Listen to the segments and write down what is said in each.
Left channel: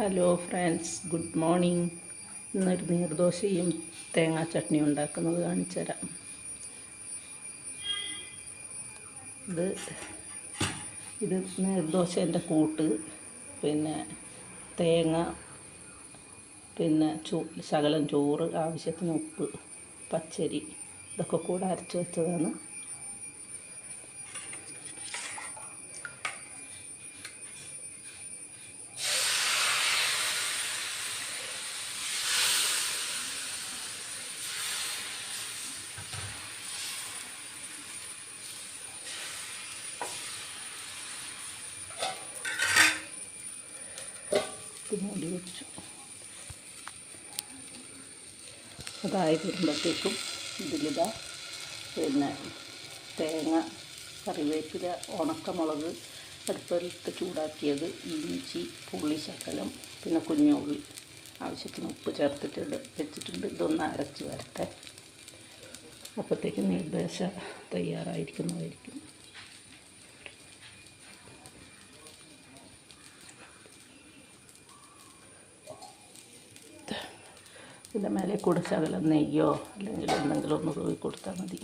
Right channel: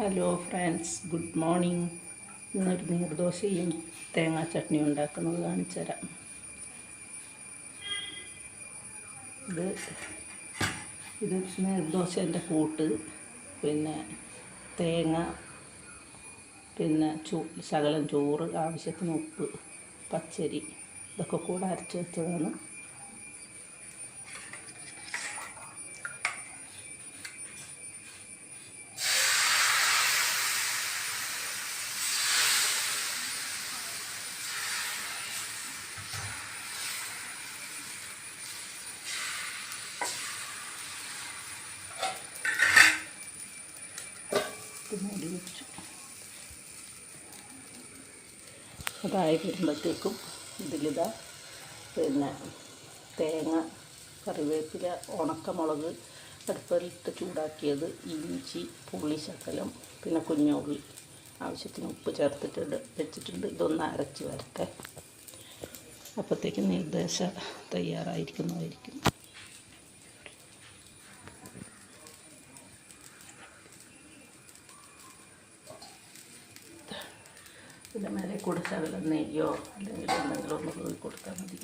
Hello friends, good morning. ഇന്നൊരു നീർദോശയും തേങ്ങാ ചട്നിയും ഉണ്ടാക്കുന്നത് കാണിച്ചു തരാം. ഇത് നീർദോശേൻ്റെ കൂട്ട്, പിന്നെ തേങ്ങ, പിന്നെ ശകലം ചോറ്, ആവശ്യത്തിന് ഉപ്പ്, പച്ചരി, ഇതൊക്കെ കൂടെ അരച്ച് വെച്ചതാണ്. മൂടി വെച്ചു. അതായി വരുമ്പോഴത്തേക്കും ഇതിലിതാ പിന്നെ തേങ്ങ, കറിവേപ്പില, ഉണക്കമുളക്, അടുപ്പിലിട്ട് ചൂടാക്കിയത്, ഇഞ്ചി, പുളി ശകലം, പിന്നെ കുഞ്ഞുള്ളി, ആവശ്യത്തിന് ഉപ്പ് ചേർത്തിട്ട് വെച്ചിട്ടുണ്ട്. ഇതൊന്ന് അരച്ച് വരട്ടെ. അപ്പോഴത്തേക്കും നീർദോശ തയ്യാറായിരിക്കുന്നതായിരിക്കും. ഇതിൻ്റെ മേലെ കൂടെ ശകലം നെയ്യോ അല്ലെങ്കിൽ എന്തെങ്കിലും ഒന്ന് പോയി കൊടുത്താൽ മതി.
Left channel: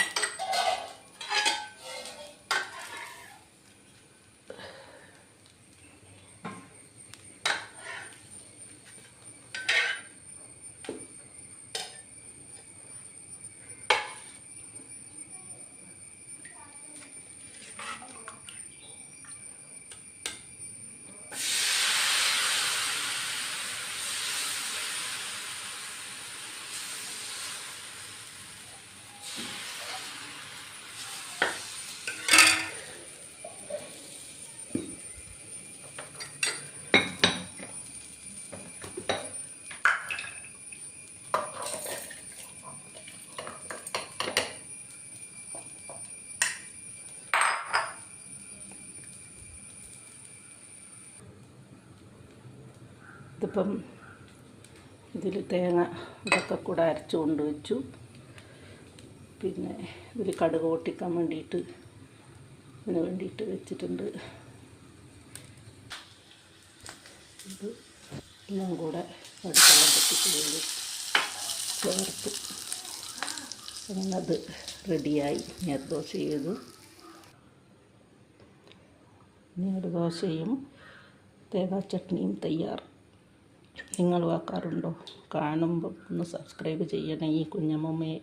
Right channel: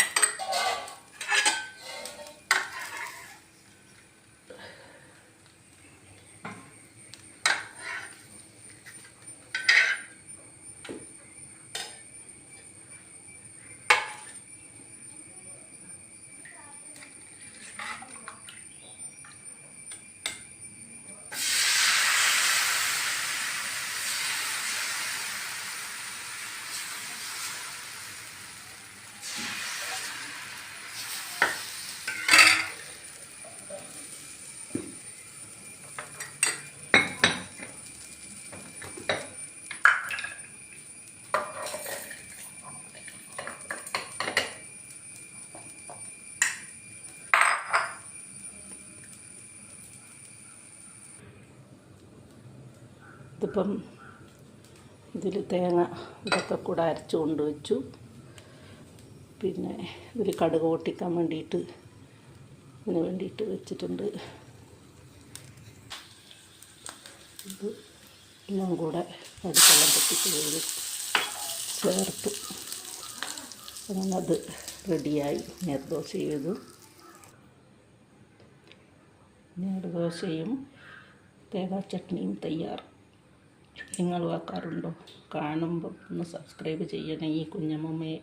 ഇതിപ്പം ഇതിൽ തേങ്ങ ഇതൊക്കെ കൂടെ അരച്ച് കൊണ്ട് വെച്ചു. പിന്നെ ഇതിൽ കടുക് പൊട്ടിക്കാൻ വേണ്ടിയിട്ട് ഇതിന് വേണ്ടിയിട്ട് വെച്ചിട്ടുണ്ട്. ഇത് എല്ലാം കൂടെ അടുക്കെല്ലാം പൊട്ടിച്ച് ചേർത്ത് അങ്ങനെ അത് റെഡിയായി. നീർദോശ ചെയ്തു. നീർദോശയും തേങ്ങാ ചട്നിയും തയ്യാർ. നിങ്ങൾ ആക്കാറുണ്ടോ? കാണുമ്പോൾ ഒന്ന് സബ്സ്ക്രൈബ് ചെയ്യണേ ഈ കുഞ്ഞമ്മമ്മയെ.